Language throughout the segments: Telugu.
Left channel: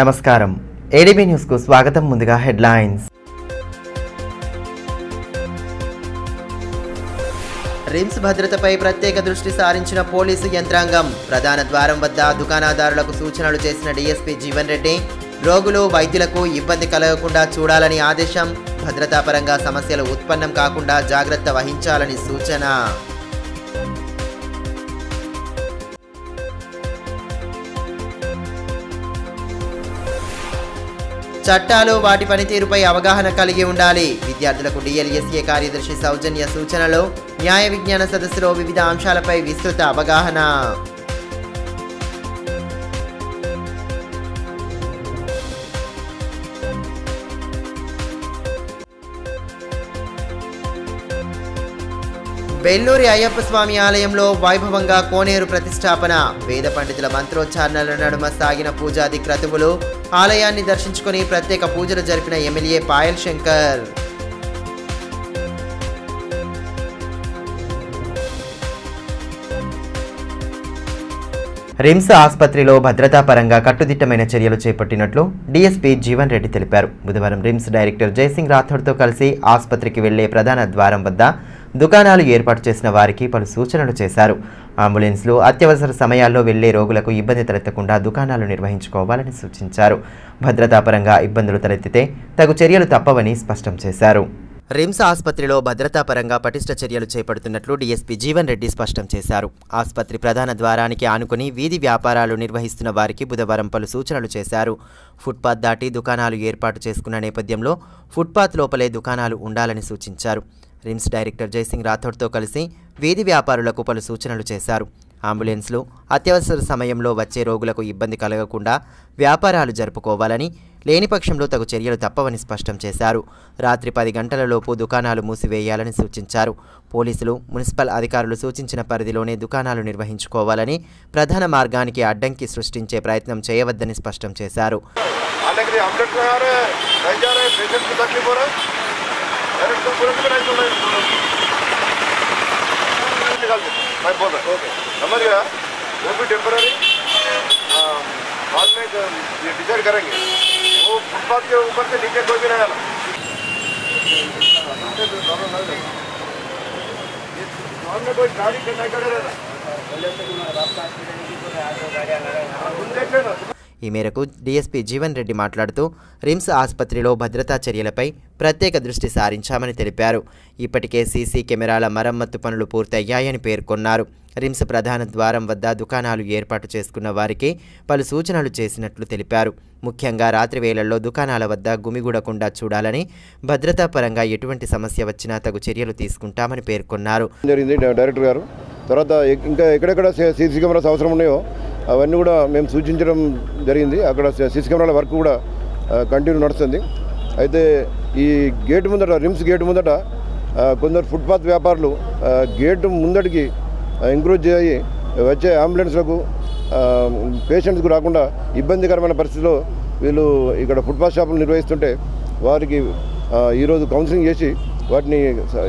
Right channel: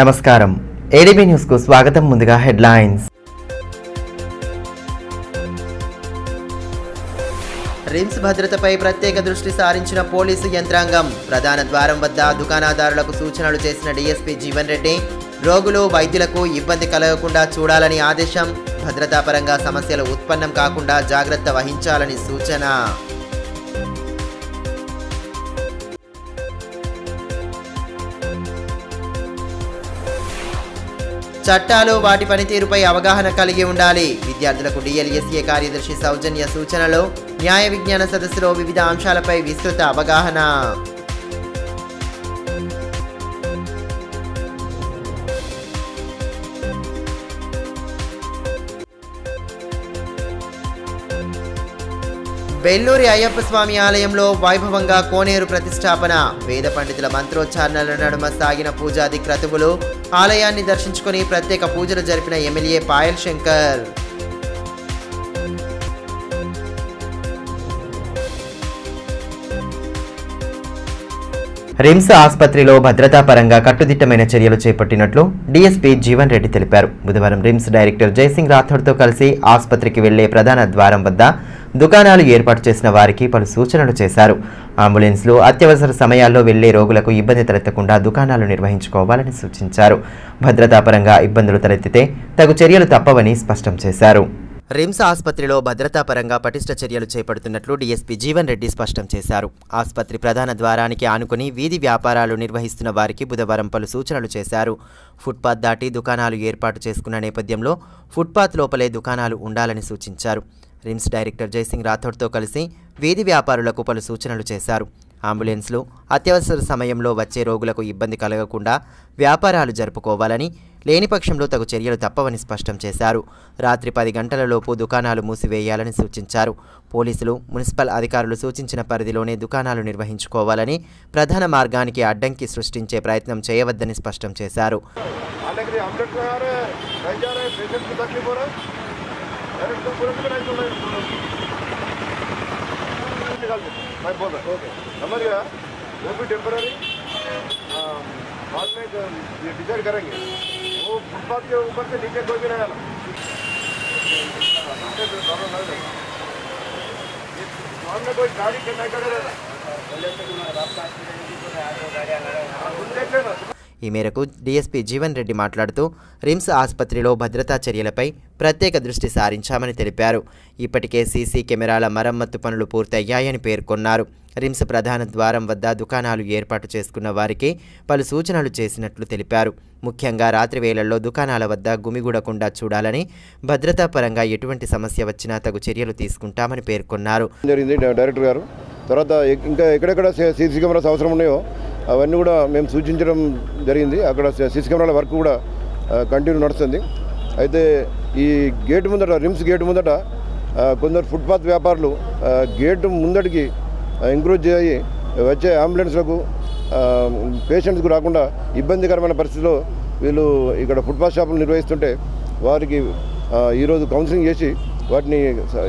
నమస్కారం ఏడీబీ న్యూస్ కు స్వాగతం. ముందుగా హెడ్లైన్స్. రిమ్స్ భద్రతపై ప్రత్యేక దృష్టి సారించిన పోలీసు యంత్రాంగం. ప్రధాన ద్వారం వద్ద దుకాణదారులకు సూచనలు చేసిన డీఎస్పీ జీవన్ రెడ్డి. రోగులు వైద్యులకు ఇబ్బంది కలగకుండా చూడాలని ఆదేశం. భద్రతాపరంగా సమస్యలు ఉత్పన్నం కాకుండా జాగ్రత్త వహించాలని సూచన. చట్టాలు వాటి పనితీరుపై అవగాహన కలిగి ఉండాలి. విద్యార్థులకు డిఎల్ఎస్ఏ కార్యదర్శి సౌజన్య సూచనలు. న్యాయ విజ్ఞాన సదస్సులో వివిధ అంశాలపై విస్తృత అవగాహన. బెల్లూరి అయ్యప్ప స్వామి ఆలయంలో వైభవంగా కోనేరు ప్రతిష్టాపన. వేద పండితుల మంత్రోచ్చారణల నడుమ సాగిన పూజాది క్రతువులు. ఆలయాన్ని దర్శించుకుని ప్రత్యేక పూజలు జరిపిన ఎమ్మెల్యే పాయల్ శంకర్. రిమ్స్ ఆసుపత్రిలో భద్రతా పరంగా కట్టుదిట్టమైన చర్యలు చేపట్టినట్లు డీఎస్పీ జీవన్ రెడ్డి తెలిపారు. బుధవారం రిమ్స్ డైరెక్టర్ జయసింగ్ రాథోడ్తో కలిసి ఆసుపత్రికి వెళ్లే ప్రధాన ద్వారం వద్ద దుకాణాలు ఏర్పాటు చేసిన వారికి పలు సూచనలు చేశారు. అంబులెన్స్లు అత్యవసర సమయాల్లో వెళ్లే రోగులకు ఇబ్బంది తలెత్తకుండా దుకాణాలు నిర్వహించుకోవాలని సూచించారు. భద్రతాపరంగా ఇబ్బందులు తలెత్తితే తగు చర్యలు తప్పవని స్పష్టం చేశారు. రిమ్స్ ఆసుపత్రిలో భద్రతాపరంగా పటిష్ట చర్యలు చేపడుతున్నట్లు డీఎస్పీ జీవన్ రెడ్డి స్పష్టం చేశారు. ఆసుపత్రి ప్రధాన ద్వారానికి ఆనుకుని వీధి వ్యాపారాలు నిర్వహిస్తున్న వారికి బుధవారం పలు సూచనలు చేశారు. ఫుట్పాత్ దాటి దుకాణాలు ఏర్పాటు చేసుకున్న నేపథ్యంలో ఫుట్పాత్ లోపలే దుకాణాలు ఉండాలని సూచించారు. రిమ్స్ డైరెక్టర్ జయసింగ్ రాథోడ్తో కలిసి వీధి వ్యాపారులకు పలు సూచనలు చేశారు. అంబులెన్స్లు అత్యవసర సమయంలో వచ్చే రోగులకు ఇబ్బంది కలగకుండా వ్యాపారాలు జరుపుకోవాలని, లేని పక్షంలో తగు చర్యలు తప్పవని స్పష్టం చేశారు. రాత్రి 10 గంటలలోపు దుకాణాలు మూసివేయాలని సూచించారు. పోలీసులు, మున్సిపల్ అధికారులు సూచించిన పరిధిలోనే దుకాణాలు నిర్వహించుకోవాలని, ప్రధాన మార్గానికి అడ్డంకి సృష్టించే ప్రయత్నం చేయవద్దని స్పష్టం చేశారు. मैं बोल रहा हूँ समझ गया. वो भी टेम्पररी बाद में ये डिसाइड करेंगे. वो फुटपाथ के ऊपर से नीचे कोई भी नहीं डाला. में कोई गाड़ी नहीं करेगा. ఈ మేరకు డీఎస్పీ జీవన్ రెడ్డి మాట్లాడుతూ రిమ్స్ ఆసుపత్రిలో భద్రతా చర్యలపై ప్రత్యేక దృష్టి సారించామని తెలిపారు. ఇప్పటికే సీసీ కెమెరాల మరమ్మత్తు పనులు పూర్తయ్యాయని పేర్కొన్నారు. రిమ్స్ ప్రధాన ద్వారం వద్ద దుకాణాలు ఏర్పాటు చేసుకున్న వారికి పలు సూచనలు చేసినట్లు తెలిపారు. ముఖ్యంగా రాత్రి వేళల్లో దుకాణాల వద్ద గుమిగూడకుండా చూడాలని, భద్రతా పరంగా ఎటువంటి సమస్య వచ్చినా తగు చర్యలు తీసుకుంటామని పేర్కొన్నారు. డైరెక్టర్ గారు తర్వాత ఇంకా ఎక్కడెక్కడ సీసీ కెమెరాస్ అవసరం ఉన్నాయో అవన్నీ కూడా మేము సూచించడం జరిగింది. అక్కడ సీసీ కెమెరాల వర్క్ కూడా కంటిన్యూ నడుస్తుంది. అయితే ఈ గేటు ముందట, రిమ్స్ గేటు ముందట కొందరు ఫుట్పాత్ వ్యాపారులు గేటు ముందటికి ఎంక్రోచ్ చేయి వచ్చే అంబులెన్స్లకు, పేషెంట్స్కు రాకుండా ఇబ్బందికరమైన పరిస్థితిలో వీళ్ళు ఇక్కడ ఫుట్పాత్ షాపులు నిర్వహిస్తుంటే వారికి ఈరోజు కౌన్సిలింగ్ చేసి వాటిని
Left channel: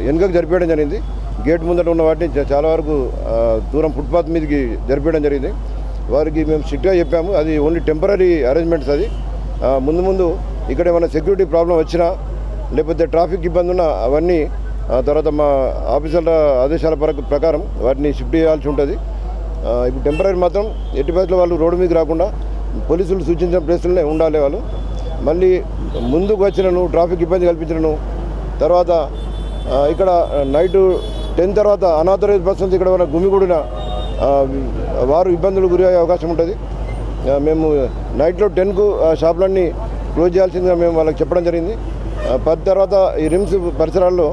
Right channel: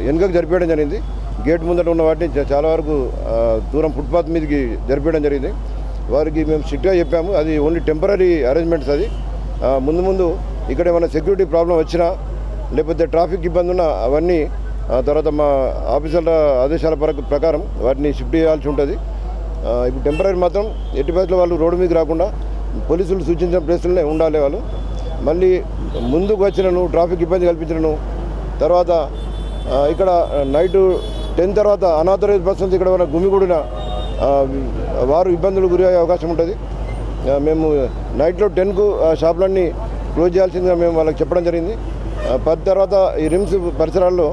వెనుకకు జరిపేయడం జరిగింది. గేట్ ముందట ఉన్న వాటిని చాలా వరకు దూరం ఫుట్పాత్ మీదకి జరిపేయడం జరిగింది. వారికి మేము స్ట్రిక్ట్గా చెప్పాము, అది ఓన్లీ టెంపరీ అరేంజ్మెంట్స్. అది ముందు ఇక్కడ ఏమైనా సెక్యూరిటీ ప్రాబ్లం వచ్చినా లేకపోతే ట్రాఫిక్ ఇబ్బంది ఉన్నా అవన్నీ తర్వాత మా ఆఫీసర్ల ఆదేశాల ప్రకారం వాటిని షిఫ్ట్ చేయాల్సి ఉంటుంది. ఇప్పుడు టెంపరీ మాత్రం ఎట్టి పరిస్థితుల్లో వాళ్ళు రోడ్డు మీదకి రాకుండా పోలీసులు సూచించిన ప్లేసులనే ఉండాలి. వాళ్ళు మళ్ళీ ముందుకు వచ్చినను ట్రాఫిక్ ఇబ్బంది కల్పించినను తర్వాత ఇక్కడ నైటు 10 తర్వాత అనాథరైజ్ పర్సన్స్ ఇక్కడ ఉన్న గుమిగూడిన వారు ఇబ్బందులు గురయ్యే అవకాశం ఉంటుంది. మేము నైట్లో 10కు షాపులన్నీ క్లోజ్ చేయాల్సిందిగా మేము వాళ్ళకి చెప్పడం జరిగింది. 10 తర్వాత ఈ రిమ్స్ పరిసరాల్లో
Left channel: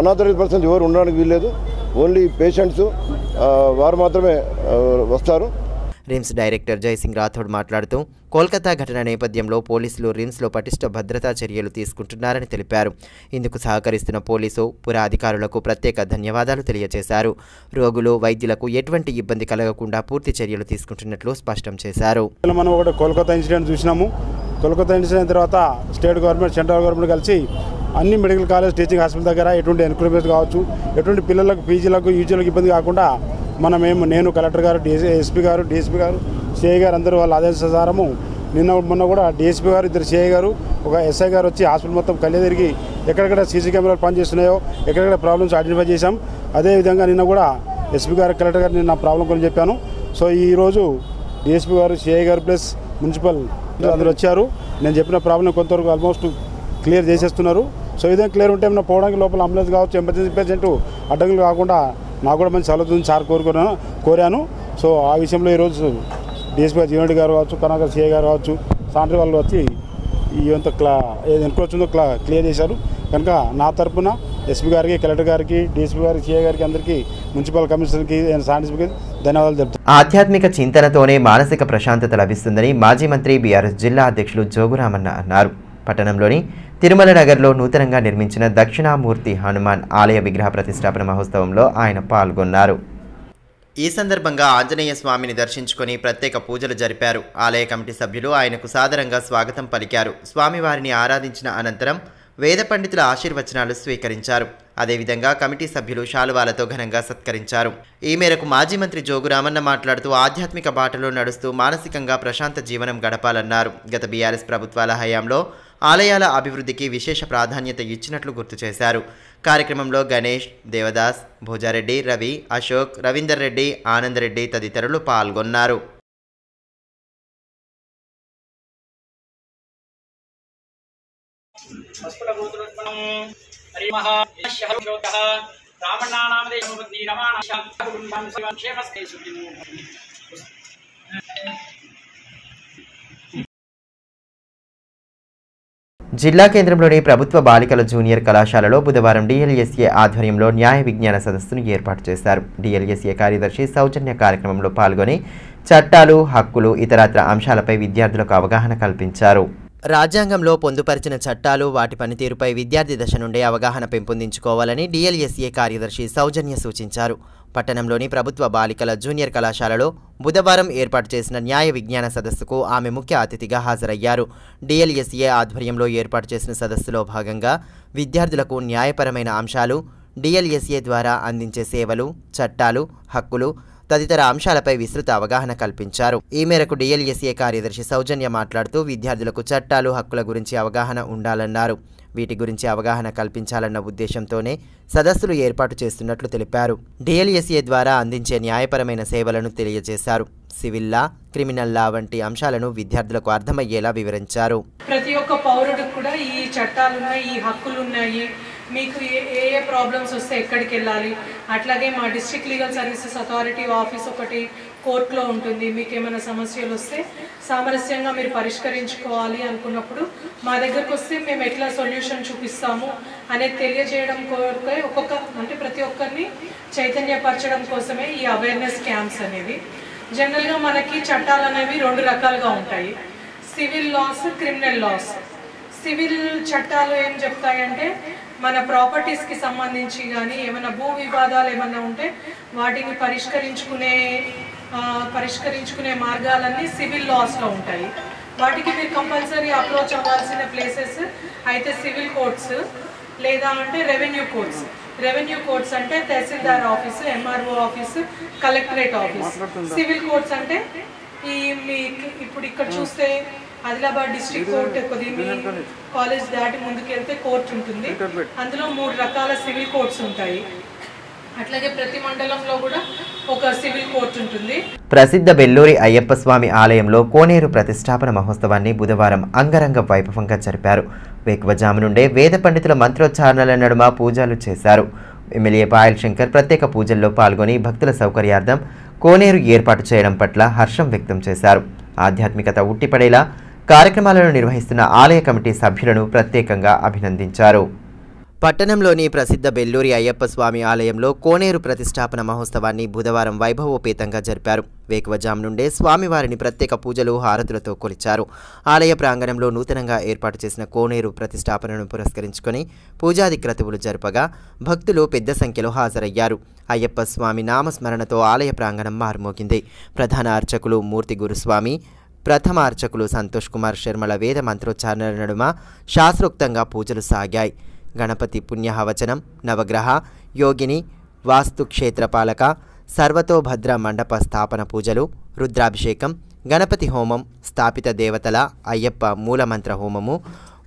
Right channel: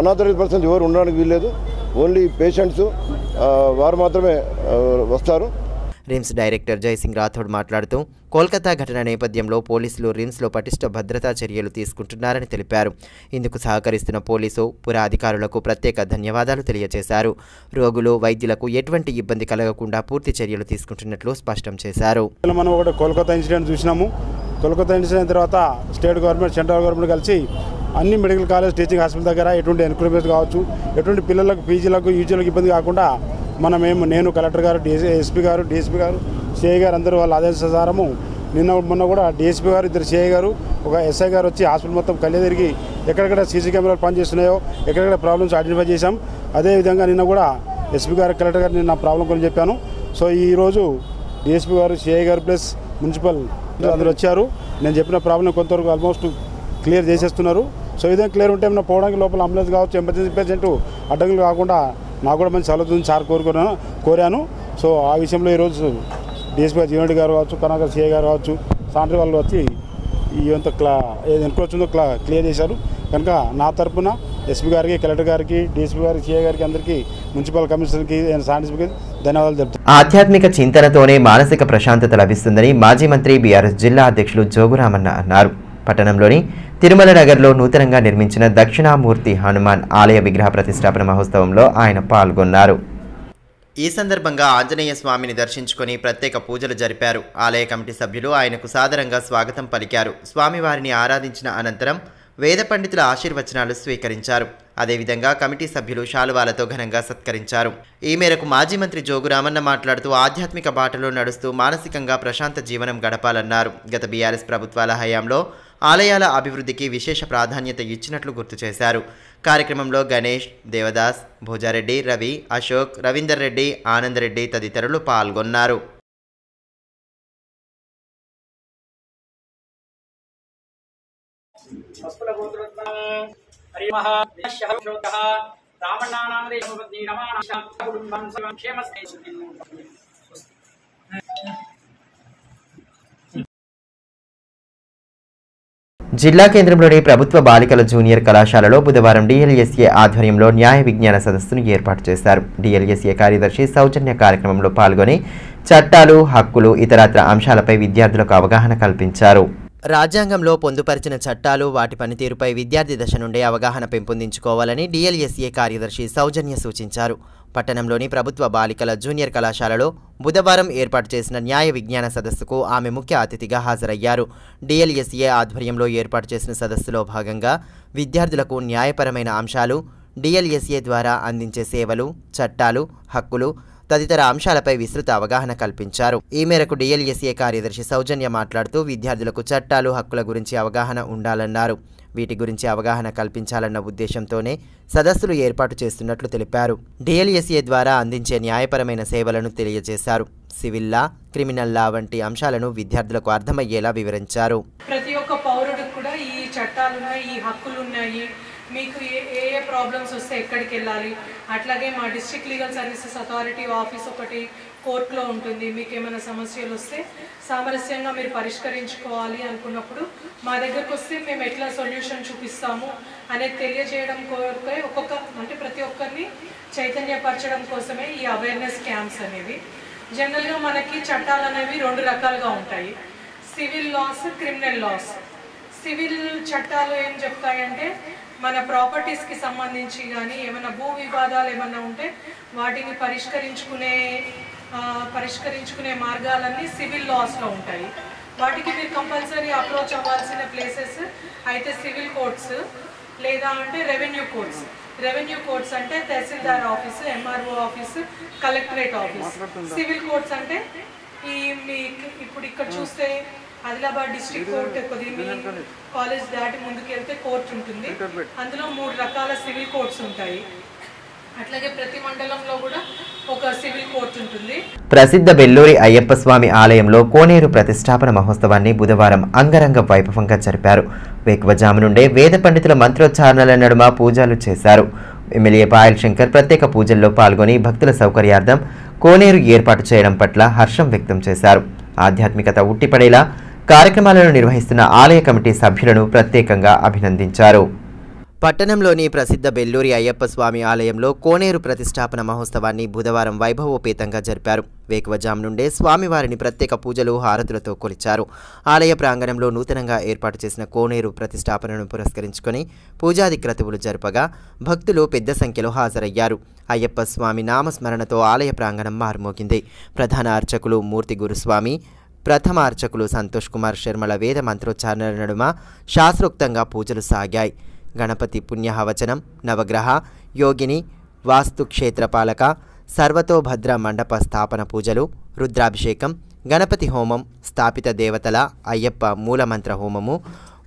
అనాథరైజ్ పర్సన్స్ ఎవరు ఉండడానికి వీల్లేదు. ఓన్లీ పేషెంట్స్ వారు మాత్రమే వస్తారు. రిమ్స్ డైరెక్టర్ జయసింగ్ రాథోడ్ మాట్లాడుతూ కోల్కతా ఘటన నేపథ్యంలో పోలీసులు రిమ్స్లో పటిష్ట భద్రతా చర్యలు తీసుకుంటున్నారని తెలిపారు. ఇందుకు సహకరిస్తున్న పోలీసు, పుర అధికారులకు ప్రత్యేక ధన్యవాదాలు తెలియజేశారు. రోగులు, వైద్యులకు ఎటువంటి ఇబ్బంది కలగకుండా పూర్తి చర్యలు తీసుకుంటున్నట్లు స్పష్టం చేశారు. మనం ఒకటి కోల్కతా ఇన్సిడెంట్ చూసినాము. కోల్కతా ఇన్సిడెంట్ తర్వాత స్టేట్ గవర్నమెంట్, సెంట్రల్ గవర్నమెంట్ కలిసి అన్ని మెడికల్ కాలేజ్, టీచింగ్ హాస్పిటల్ దగ్గర ఎటువంటి ఎన్క్రోచ్మెంట్ కావచ్చు, ఎటువంటి పిల్లలకు, పీజీలకు, యూజీలకు ఇబ్బంది కాకుండా నేను కలెక్టర్ గారు, ఎస్పీ గారు, డీఎస్పీ గారు, సిఐ గారు అందరూ వాళ్ళ ఆదేశానుసారము మొన్న కూడా డిఎస్పీ గారు, ఇద్దరు సిఐ గారు, ఒక ఎస్ఐ గారు వచ్చి హాస్పిటల్ మొత్తం కళ్ళే తిరిగి ఎక్కడెక్కడ సీసీ కెమెరాలు పనిచేస్తున్నాయో ఎక్కడెక్కడ ప్రాబ్లమ్స్ ఐడెంటిఫై చేశాం. అదేవిధంగా నిన్న కూడా ఎస్పీ గారు, కలెక్టర్ గారు నేను నా ప్రాబ్లం గురించి చెప్పాను. సో ఈరోజు డిఎస్పీ గారు, సిఐ గారు ప్లస్ మున్సిపల్ అందరూ వచ్చారు. నేను చెప్పిన ప్రాబ్లం కొంతవరకు ఆల్మోస్ట్ క్లియర్ చేసేస్తున్నారు. సో ఇదేం క్లియర్ ఉంటే ఏమైనా పోవడానికి లోపల అంబులెన్స్ కావచ్చు, ఎమర్జెన్సీ పేషెంట్ అడ్డంకులు కాకుండా నాకు కూడా మంచి సలహా సార్ కోరాను. సో ఆ విషయంలో ఈరోజు డిఎస్పీ జీవన్ రెడ్డి గారు కావచ్చు, కనకర్ సిఐ గారు కావచ్చు, సాంట్రీ వాళ్ళు వచ్చి ఇవంతా ఏది ఎన్క్రోచ్ క్లియర్ చేశారు. కనుక నా తరఫున ఎస్పీ గారికి, కలెక్టర్ గారికి, డిఎస్పీ గారికి, సిఐ గారికి, అందరికీ మున్సిపల్ కమిషనర్కి, సాంట్రీకి ధన్యవాదాలు తెలుపుతాను. ఆధ్యాత్మిక చింతనతోనే మానసిక ప్రశాంతత లభిస్తుందని మాజీ మంత్రి బీఆర్ఎస్ జిల్లా అధ్యక్షులు జోగురామన్న అన్నారు. పట్టణంలోని తిరుమల నగర్లో నూతనంగా నిర్మించిన దక్షిణామూర్తి హనుమాన్ ఆలయ విగ్రహ ప్రతిష్టాపన మహోత్సవంలో ఆయన పాల్గొన్నారు. ఈ సందర్భంగా ఆంజనేయ స్వామిని దర్శించుకొని ప్రత్యేక పూజలు జరిపారు. ఆలయ కమిటీ సభ్యులు ఆయనకు సాదరంగా స్వాగతం పలికారు. స్వామివారిని ఆరాధించిన అనంతరం వేద పండితుల ఆశీర్వచనాలు స్వీకరించారు. అదేవిధంగా కమిటీ సభ్యులు శాలువాలతో ఘనంగా సత్కరించారు. ఈ మేరకు మాజీ మంత్రి జోగురామన్న మాట్లాడుతూ ఆధ్యాత్మిక బాటలో నడుస్తూ మానసికంగా ప్రశాంత జీవనం గడపాలన్నారు. గత బీఆర్ఎస్ ప్రభుత్వాల హయాంలో ఆలయాల అభివృద్ధికి విశేష ప్రాధాన్యత ఇచ్చినట్లు గుర్తు చేశారు. కార్యక్రమంలో గణేష్, దేవదాస్, భోజారెడ్డి, రవి, అశోక్, రవీందర్ రెడ్డి, ఆనంద్ రెడ్డి తదితరులు పాల్గొన్నారు. జిల్లా కేంద్రంలోని ప్రభుత్వ బాలికల జూనియర్ కళాశాలలో బుధవారం డిఎల్ఎస్ఏ ఆధ్వర్యంలో న్యాయ విజ్ఞాన సదస్సును ఏర్పాటు చేశారు. డిఎల్ఎస్ఏ కార్యదర్శి సౌజన్య కార్యక్రమంలో పాల్గొని చట్టాలు, హక్కులు, ఇతరత్ర అంశాలపై విద్యార్థులకు అవగాహన కల్పించారు. రాజ్యాంగంలో పొందుపరిచిన చట్టాలు, వాటి పనితీరుపై విద్యార్థి దశ నుండే అవగాహన పెంపొందించుకోవాలని డిఎల్ఎస్ఏ కార్యదర్శి సౌజన్య సూచించారు. పట్టణంలోని ప్రభుత్వ బాలికల జూనియర్ కళాశాలలో బుధవారం ఏర్పాటు చేసిన న్యాయ విజ్ఞాన సదస్సుకు ఆమె ముఖ్య అతిథిగా హాజరయ్యారు. డిఎల్ఎస్ఏ ఆధ్వర్యంలో ఏర్పాటు చేసిన సదస్సులో భాగంగా విద్యార్థులకు న్యాయపరమైన అంశాలు, డిఎల్ఎస్ఏ ద్వారా అందించే సేవలు, చట్టాలు, హక్కులు తదితర అంశాలపై విస్తృత అవగాహన కల్పించారు. ఈ మేరకు డిఎల్ఎస్ఏ కార్యదర్శి సౌజన్య మాట్లాడుతూ విద్యార్థులకు చట్టాలు, హక్కుల గురించి అవగాహన ఉండాలన్నారు. వీటి గురించి అవగాహన కల్పించాలన్న ఉద్దేశంతోనే సదస్సులు ఏర్పాటు చేస్తున్నట్లు తెలిపారు. డిఎల్ఎస్ఏ ద్వారా అందించే న్యాయపరమైన సేవలను తెలియజేశారు. సివిల్ లా, క్రిమినల్ లా వంటి అంశాలను విద్యార్థులకు అర్థమయ్యేలా వివరించారు. ప్రతి ఒక్క పౌరుడికి కూడా ఈ చట్టాలు ఉన్నాయి, ఈ హక్కులు ఉన్నాయి, మీకు ఏ ప్రాబ్లమ్స్ వస్తే ఎక్కడికి వెళ్ళాలి, అట్లాగే మా district legal services authority office ఒకటి కోర్టులో ఉంటుంది. మీకు ఏమైనా సమస్యలు వస్తే సామరస్యంగా మీరు పరిష్కరించుకోవాలి అనుకున్నప్పుడు మా దగ్గరకు వస్తే మేము ఎట్లా సొల్యూషన్ చూపిస్తాము అనేది తెలియజేయడం కోరికే ప్రతి ఒక్కరిని చైతన్యపరచడం కోసమే ఈ అవేర్నెస్ క్యాంప్స్ అనేవి. జనరల్గా మనకి చట్టాలు అనేవి రెండు రకాలుగా ఉంటాయి, civil laws, criminal laws. Civil చట్టాలు ఏం చెప్తాయంటే మన ప్రాపర్టీస్కి సంబంధించి కానీ ఏమైనా భూ వివాదాలు ఏమన్నా ఉంటే వాటిని పరిష్కరించుకునే మార్గాలన్నీ సివిల్ లాస్లో ఉంటాయి. వాటికి మీరు కంపల్సరీ అప్రోచ్ అవ్వాల్సిన ప్లేసెస్ అయితే సివిల్ కోర్ట్స్ లేదా అంటే రెవెన్యూ కోర్ట్స్. రెవెన్యూ కోర్ట్స్ అంటే tahsildar office, MRO office, collectorate office. Civil courts అంటే ఇప్పుడు ఇక్కడ చూస్తే ఆదిలాబాద్ డిస్ట్రిక్ట్ కోర్టు కాలేజ్ దాటి ముందుకు వెళ్తే కోర్టు ఉంటుంది. అందులో 3 రకాల సివిల్ కోర్ట్స్ ఉంటాయి. అట్లాగే ప్రతి మండలంలో కూడా ఒక సివిల్ కోర్టు ఉంటుంది. ప్రసిద్ధ బెల్లూరి అయ్యప్ప స్వామి ఆలయంలో కోనేరు ప్రతిష్టాపన మహోత్సవాన్ని బుధవారం అంగరంగ వైభవంగా జరిపారు. వేకువజాము నుండే వేద పండితుల మంత్రోచ్చారణల నడుమ పూజలు చేశారు. ఎమ్మెల్యే పాయల్ శంకర్ ప్రత్యేక పూజల్లో పాల్గొని భక్తుల సౌకర్యార్థం కోనేరు ఏర్పాటు చేయడం పట్ల హర్షం వ్యక్తం చేశారు. ఆధ్యాత్మికత ఉట్టిపడేలా కార్యక్రమాలను నిర్వహిస్తున్న ఆలయ కమిటీ సభ్యులను ప్రత్యేకంగా అభినందించారు. పట్టణంలోని ప్రసిద్ధ బెల్లూరి అయ్యప్ప స్వామి ఆలయంలో కోనేరు ప్రతిష్టాపన మహోత్సవాన్ని బుధవారం వైభవోపేతంగా జరిపారు. వేకువజాము నుండే స్వామివారిని ప్రత్యేక పూజలు, హారతులతో కొలిచారు. ఆలయ ప్రాంగణంలో నూతనంగా ఏర్పాటు చేసిన కోనేరు ప్రతిష్టాపనను పురస్కరించుకొని పూజాది క్రతువులు జరపగా భక్తులు పెద్ద సంఖ్యలో హాజరయ్యారు. అయ్యప్ప స్వామి నామస్మరణతో ఆలయ ప్రాంగణం మారుమోగింది. ప్రధాన అర్చకులు మూర్తి గురుస్వామి, ప్రథమ అర్చకులు సంతోష్ కుమార్ శర్మల వేద మంత్రోచ్చారణల నడుమ శాస్త్రోక్తంగా పూజలు సాగాయి. గణపతి పుణ్యహవచనం, నవగ్రహ, యోగిని, వాస్తు క్షేత్రపాలక, సర్వతోభద్ర మండప స్థాపన పూజలు, రుద్రాభిషేకం, గణపతి హోమం, స్థాపిత దేవతల అయ్యప్ప మూలమంత్ర హోమము,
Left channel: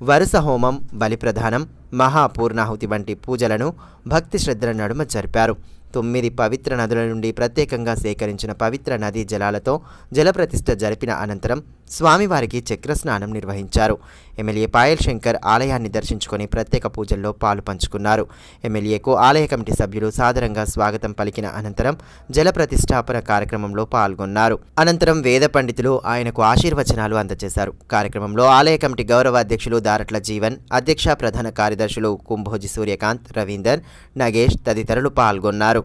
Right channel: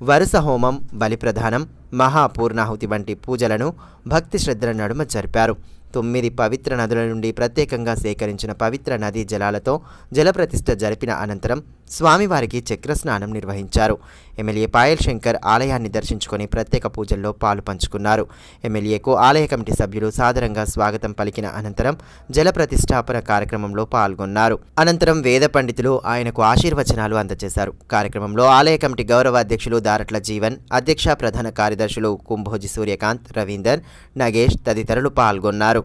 వరుస హోమం, బలిప్రదానం, మహాపూర్ణాహుతి వంటి పూజలను భక్తి శ్రద్ధల నడుమ జరిపారు. 9 పవిత్ర నదుల నుండి ప్రత్యేకంగా సేకరించిన పవిత్ర నదీ జలాలతో జలప్రతిష్ఠ జరిపిన అనంతరం స్వామివారికి చక్రస్నానం నిర్వహించారు. ఎమ్మెల్యే పాయల్ శంకర్ ఆలయాన్ని దర్శించుకొని ప్రత్యేక పూజల్లో పాలు పంచుకున్నారు. ఎమ్మెల్యేకు ఆలయ కమిటీ సభ్యులు సాదరంగా స్వాగతం పలికిన అనంతరం జలప్రతిష్ఠాపన కార్యక్రమంలో పాల్గొన్నారు. అనంతరం వేద పండితులు ఆయనకు ఆశీర్వచనాలు అందజేశారు. కార్యక్రమంలో ఆలయ కమిటీ గౌరవ అధ్యక్షులు దారట్ల జీవన్, అధ్యక్ష ప్రధాన కార్యదర్శులు కుంభోజి సూర్యకాంత్, రవీందర్, నగేష్ తదితరులు పాల్గొన్నారు.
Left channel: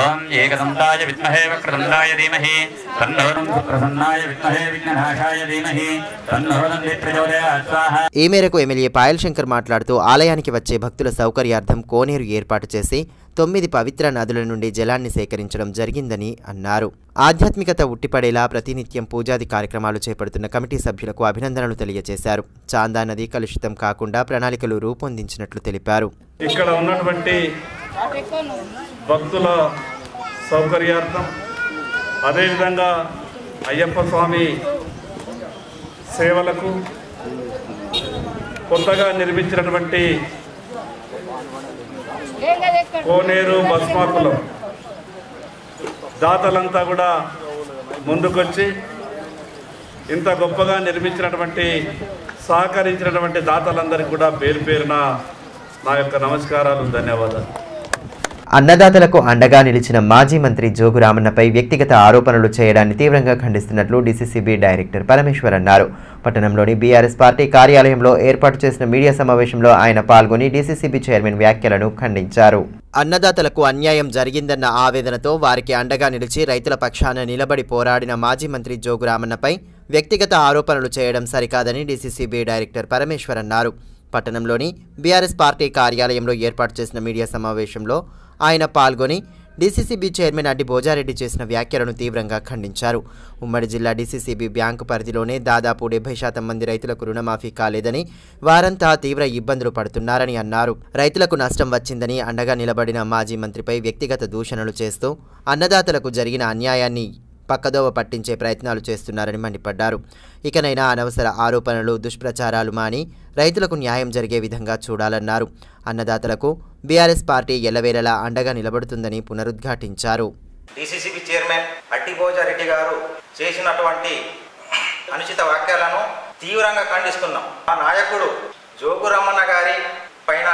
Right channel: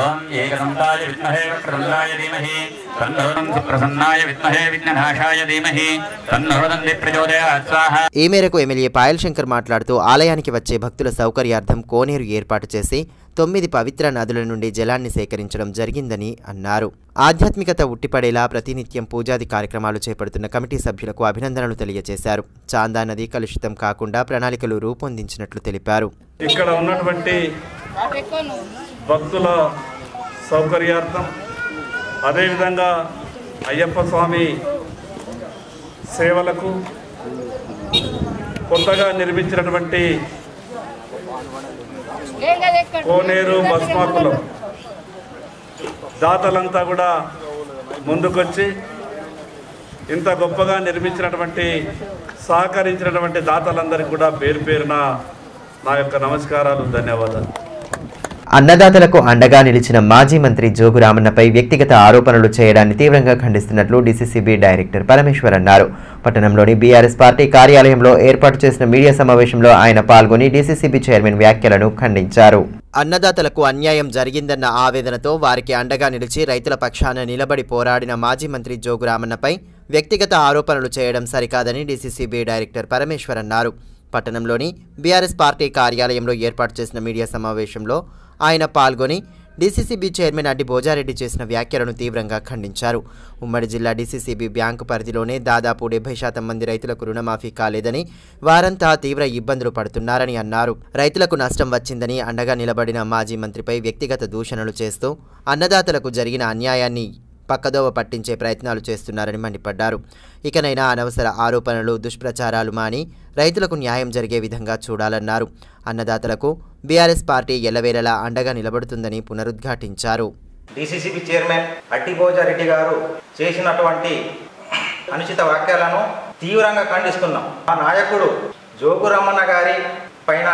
ఓం ఏకదంతాయ విద్మహే వక్రతుండాయ ధీమహి తన్నో ప్రసన్నాయ విద్మహే విఘ్ననాశాయ ధీమహి తన్నో దంది ప్రచోదయాత్ స్వాహా. ఈ మేరకు ఎమ్మెల్యే పాయల్ శంకర్ మాట్లాడుతూ ఆలయానికి వచ్చే భక్తుల సౌకర్యార్థం కోనేరు ఏర్పాటు చేసి 9 పవిత్ర నదుల నుండి జలాన్ని సేకరించడం జరిగిందని అన్నారు. ఆధ్యాత్మికత ఉట్టిపడేలా ప్రతినిత్యం పూజాది కార్యక్రమాలు చేపడుతున్న కమిటీ సభ్యులకు అభినందనలు తెలియజేశారు. చాందా నది కలుషితం కాకుండా ప్రణాళికలు రూపొందించినట్లు తెలిపారు. ఇక్కడ ఉన్నటువంటి భక్తుల సౌకర్యార్థం, అదేవిధంగా అయ్యప్ప స్వామి సేవలకు కొత్తగా నిర్మించినటువంటి కోనేరు భస్మాకులం దాతలంతా కూడా ముందుకొచ్చి ఇంత గొప్పగా నిర్మించినటువంటి సహకరించినటువంటి దాతలందరికీ కూడా పేరు పేరున నా యొక్క నమస్కారాలు, ధన్యవాదాలు. అన్నదాతలకు అండగా నిలిచిన మాజీ మంత్రి జోగు రామన్నపై వ్యక్తిగత ఆరోపణలు చేయడాన్ని తీవ్రంగా ఖండిస్తున్నట్లు డీసీసీబీ డైరెక్టర్ పరమేశ్వర్ అన్నారు. పట్టణంలోని బీఆర్ఎస్ పార్టీ కార్యాలయంలో ఏర్పాటు చేసిన మీడియా సమావేశంలో ఆయన పాల్గొని డీసీసీబీ చైర్మన్ వ్యాఖ్యలను ఖండించారు. అన్నదాతలకు అన్యాయం జరిగిందన్న ఆవేదనతో వారికి అండగా నిలిచి రైతుల పక్షాన నిలబడి పోరాడిన మాజీ మంత్రి జోగు రామన్నపై వ్యక్తిగత ఆరోపణలు చేయడం సరికాదని డీసీసీబీ డైరెక్టర్ పరమేశ్వర్ అన్నారు. పట్టణంలోని బీఆర్ఎస్ పార్టీ కార్యాలయంలో ఏర్పాటు చేసిన మీడియా సమావేశంలో ఆయన పాల్గొని డీసీసీబీ చైర్మన్ అడ్డి భోజారెడ్డి చేసిన వ్యాఖ్యలను తీవ్రంగా ఖండించారు. ఉమ్మడి జిల్లా డీసీసీబీ బ్యాంకు పరిధిలోనే దాదాపు 70% మంది రైతులకు రుణమాఫీ కాలేదని, వారంతా తీవ్ర ఇబ్బందులు పడుతున్నారని అన్నారు. రైతులకు నష్టం వచ్చిందని అండగా నిలబడిన మాజీ మంత్రిపై వ్యక్తిగత దూషణలు చేస్తూ అన్నదాతలకు జరిగిన అన్యాయాన్ని పక్కదోవ పట్టించే ప్రయత్నాలు చేస్తున్నారని మండిపడ్డారు. ఇకనైనా అనవసర ఆరోపణలు, దుష్ప్రచారాలు మాని రైతులకు న్యాయం జరిగే విధంగా చూడాలన్నారు. అన్నదాతలకు బీఆర్ఎస్ పార్టీ ఎల్లవేళలా అండగా నిలబడుతుందని పునరుద్ఘాటించారు. డీసీసీబీ చైర్మన్ అడ్డి భోజారెడ్డి గారు చేసినటువంటి అనుచిత వ్యాఖ్యలను తీవ్రంగా ఖండిస్తున్నాం. మా నాయకుడు జోగు రామన్న గారి పైన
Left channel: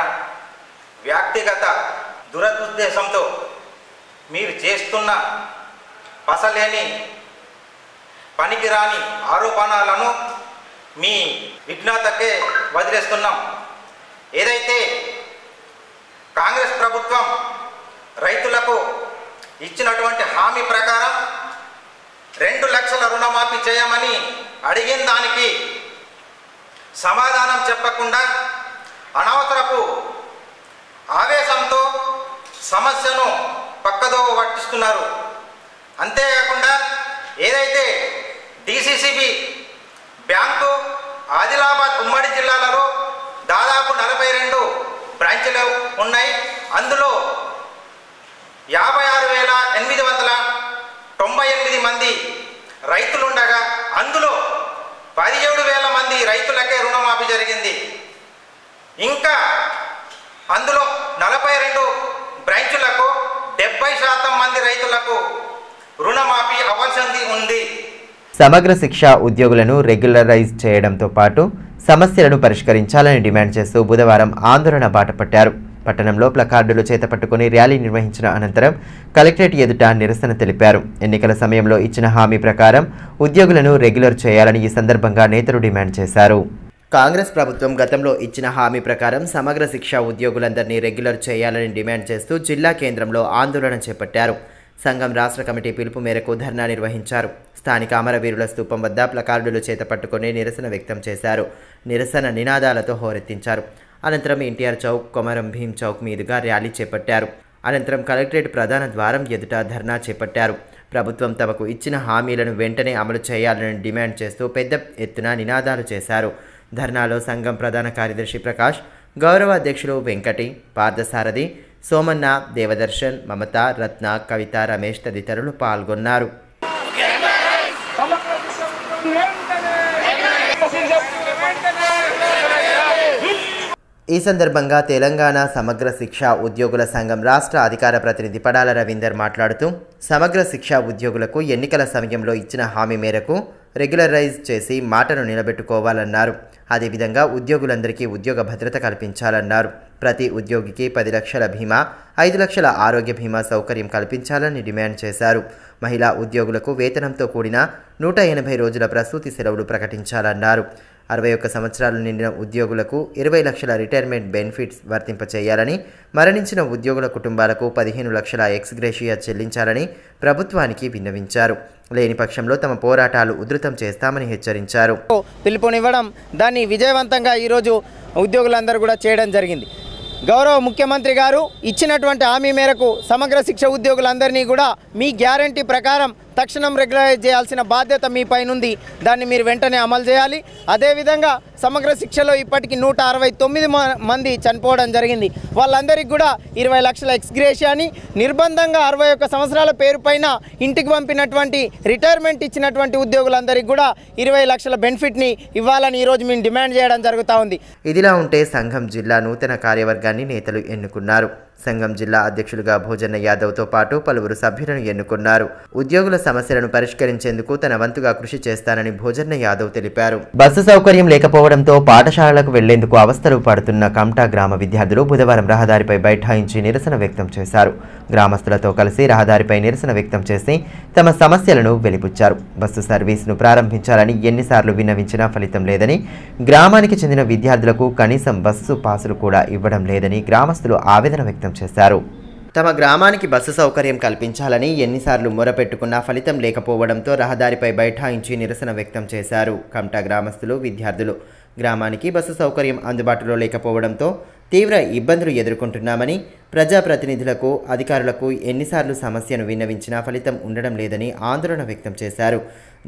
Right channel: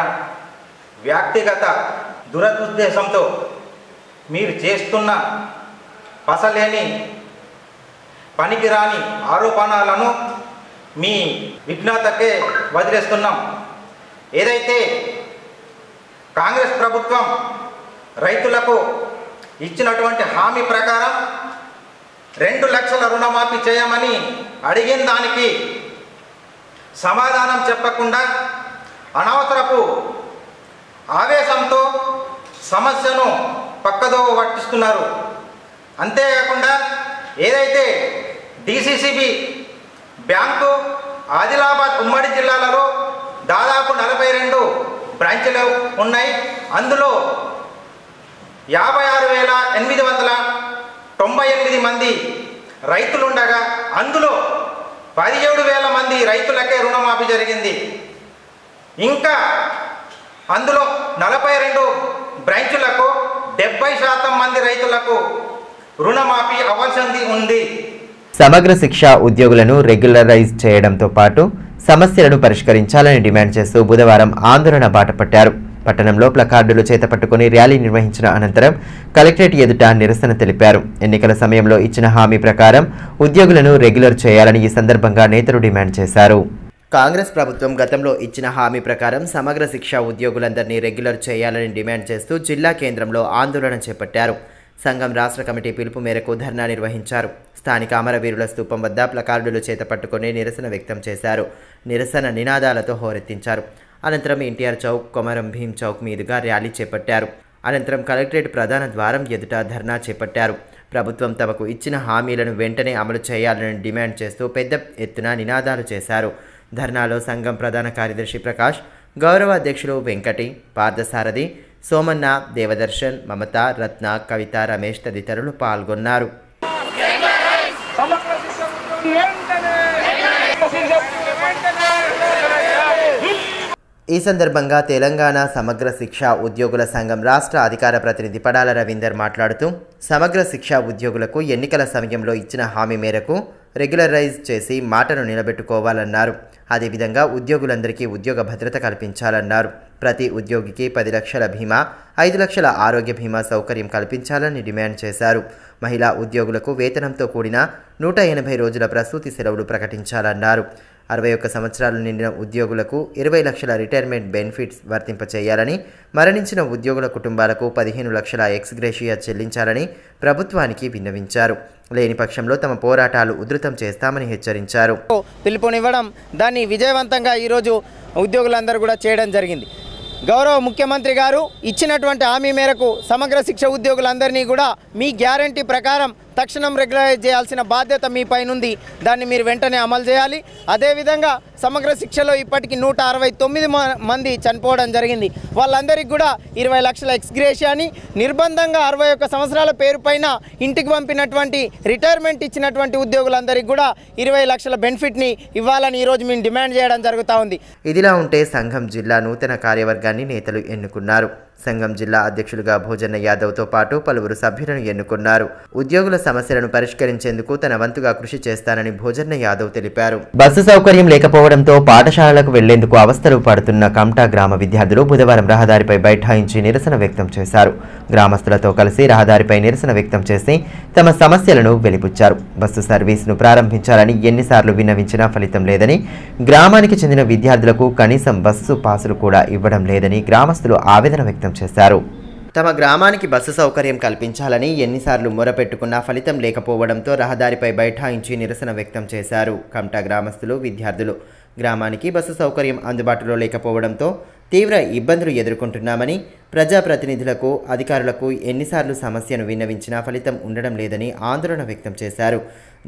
వ్యక్తిగత దురదుద్దేశంతో మీరు చేస్తున్న పసలేని పనికిరాని ఆరోపణలను మీ విజ్ఞతకే వదిలేస్తున్నాం. ఏదైతే కాంగ్రెస్ ప్రభుత్వం రైతులకు ఇచ్చినటువంటి హామీ ప్రకారం 2 లక్షల రుణమాఫీ చేయమని అడిగిన దానికి సమాధానం చెప్పకుండా అనవసరపు ఆవేశంతో సమస్యను పక్కదోవ పట్టిస్తున్నారు. అంతేకాకుండా ఏదైతే డీసీసీబీ బ్యాంకు ఆదిలాబాద్ ఉమ్మడి జిల్లాలలో దాదాపు 42 బ్రాంచ్లు ఉన్నాయి. అందులో 56,898 మంది రైతులుండగా అందులో 17,000 మంది రైతులకే రుణమాఫీ జరిగింది. ఇంకా అందులో 42 బ్రాంచులకు 70% మంది రైతులకు రుణమాఫీ అవ్వాల్సింది ఉంది. సమగ్ర శిక్ష ఉద్యోగులను రెగ్యులరైజ్ చేయడంతో పాటు సమస్యలను పరిష్కరించాలని డిమాండ్ చేస్తూ బుధవారం ఆందోళన బాటపట్టారు. పట్టణంలో ప్లకార్డులు చేతపట్టుకుని ర్యాలీ నిర్వహించిన అనంతరం కలెక్టరేట్ ఎదుట నిరసన తెలిపారు. ఎన్నికల సమయంలో ఇచ్చిన హామీ ప్రకారం ఉద్యోగులను రెగ్యులర్ చేయాలని ఈ సందర్భంగా నేతలు డిమాండ్ చేశారు. కాంగ్రెస్ ప్రభుత్వం గతంలో ఇచ్చిన హామీ ప్రకారం సమగ్ర శిక్ష ఉద్యోగులందరినీ రెగ్యులర్ చేయాలని డిమాండ్ చేస్తూ జిల్లా కేంద్రంలో ఆందోళన చేపట్టారు. సంఘం రాష్ట్ర కమిటీ పిలుపు మేరకు ధర్నా నిర్వహించారు. స్థానిక అమరవీరుల స్తూపం వద్ద ప్లకార్డులు చేతపట్టుకుని నిరసన వ్యక్తం చేశారు. నిరసన నినాదాలతో హోరెత్తించారు. అనంతరం ఎన్టీఆర్ చౌక్, కొమరం భీం చౌక్ మీదుగా ర్యాలీ చేపట్టారు. అనంతరం కలెక్టరేట్ ప్రధాన ద్వారం ఎదుట ధర్నా చేపట్టారు. ప్రభుత్వం తమకు ఇచ్చిన హామీలను వెంటనే అమలు చేయాలని డిమాండ్ చేస్తూ పెద్ద ఎత్తున నినాదాలు చేశారు. ధర్నాలో సంఘం ప్రధాన కార్యదర్శి ప్రకాష్, గౌరవ అధ్యక్షులు వెంకటి, పార్థసారథి, సోమన్న, దేవదర్శన్, మమత, రత్న, కవిత, రమేష్ తదితరులు పాల్గొన్నారు. ఈ సందర్భంగా తెలంగాణ సమగ్ర శిక్ష ఉద్యోగుల సంఘం రాష్ట్ర అధికార ప్రతినిధి పడాల రవీందర్ మాట్లాడుతూ, సమగ్ర శిక్ష ఉద్యోగులకు ఎన్నికల సమయంలో ఇచ్చిన హామీ మేరకు రెగ్యులరైజ్ చేసి మాటను నిలబెట్టుకోవాలన్నారు. అదేవిధంగా ఉద్యోగులందరికీ ఉద్యోగ భద్రత కల్పించాలన్నారు. ప్రతి ఉద్యోగికి 10 లక్షల బీమా, 5 లక్షల ఆరోగ్య బీమా సౌకర్యం కల్పించాలని డిమాండ్ చేశారు. మహిళా ఉద్యోగులకు వేతనంతో కూడిన 180 రోజుల ప్రసూతి సెలవులు ప్రకటించాలన్నారు. 61 సంవత్సరాలు నిండిన ఉద్యోగులకు 20 లక్షల రిటైర్మెంట్ బెనిఫిట్స్ వర్తింపచేయాలని, మరణించిన ఉద్యోగుల కుటుంబాలకు 15 లక్షల ఎక్స్గ్రేషియా చెల్లించాలని ప్రభుత్వానికి విన్నవించారు. లేని పక్షంలో తమ పోరాటాలు ఉధృతం చేస్తామని హెచ్చరించారు. పిలుపునివ్వడం, దాన్ని విజయవంతంగా ఈరోజు ఉద్యోగులందరూ కూడా చేయడం జరిగింది. గౌరవ ముఖ్యమంత్రి గారు ఇచ్చినటువంటి హామీ మేరకు సమగ్ర శిక్ష ఉద్యోగులందరినీ కూడా మీ గ్యారంటీ ప్రకారం తక్షణం రెగ్యులరైజ్ చేయాల్సిన బాధ్యత మీ పైన ఉంది. దాన్ని మీరు వెంటనే అమలు చేయాలి. అదేవిధంగా సమగ్ర శిక్షలో ఇప్పటికి 169 మంది చనిపోవడం జరిగింది. వాళ్ళందరికీ కూడా 20 లక్షల ఎక్స్గ్రేషియాని, నిర్బంధంగా 61 సంవత్సరాల పేరు పైన ఇంటికి పంపినటువంటి రిటైర్మెంట్ ఇచ్చినటువంటి ఉద్యోగులందరికీ కూడా 20 లక్షల బెనిఫిట్ని ఇవ్వాలని ఈరోజు మేము డిమాండ్ చేయడం జరుగుతూ ఉంది. ఇదిలా ఉంటే సంఘం జిల్లా నూతన కార్యవర్గాన్ని నేతలు ఎన్నుకున్నారు. సంఘం జిల్లా అధ్యక్షులుగా భోజన్న యాదవ్తో పాటు పలువురు సభ్యులను ఎన్నుకున్నారు. ఉద్యోగుల సమస్యలను పరిష్కరించేందుకు తన వంతుగా కృషి చేస్తానని భోజన్న యాదవ్ తెలిపారు. బస్సు సౌకర్యం లేకపోవడంతో పాఠశాలలకు వెళ్లేందుకు అవస్థలు పడుతున్న కమ్టా గ్రామ విద్యార్థులు బుధవారం రహదారిపై బైఠాయించి నిరసన వ్యక్తం చేశారు. గ్రామస్తులతో కలిసి రహదారిపై నిరసన వ్యక్తం చేసి తమ సమస్యలను వెలిబుచ్చారు. బస్సు సర్వీసును ప్రారంభించాలని ఎన్నిసార్లు విన్నవించినా ఫలితం లేదని, గ్రామానికి చెందిన విద్యార్థులకు కనీసం బస్సు పాసులు కూడా ఇవ్వడం లేదని గ్రామస్తులు ఆవేదన వ్యక్తం చేశారు. తమ గ్రామానికి బస్సు సౌకర్యం కల్పించాలని ఎన్నిసార్లు మొరపెట్టుకున్నా ఫలితం లేకపోవడంతో రహదారిపై బైఠాయించి నిరసన వ్యక్తం చేశారు. కమ్టా గ్రామస్తులు, విద్యార్థులు గ్రామానికి బస్సు సౌకర్యం అందుబాటులో లేకపోవడంతో తీవ్ర ఇబ్బందులు ఎదుర్కొంటున్నామని, ప్రజాప్రతినిధులకు, అధికారులకు ఎన్నిసార్లు సమస్యను విన్నవించినా ఫలితం ఉండడం లేదని ఆందోళన వ్యక్తం చేశారు.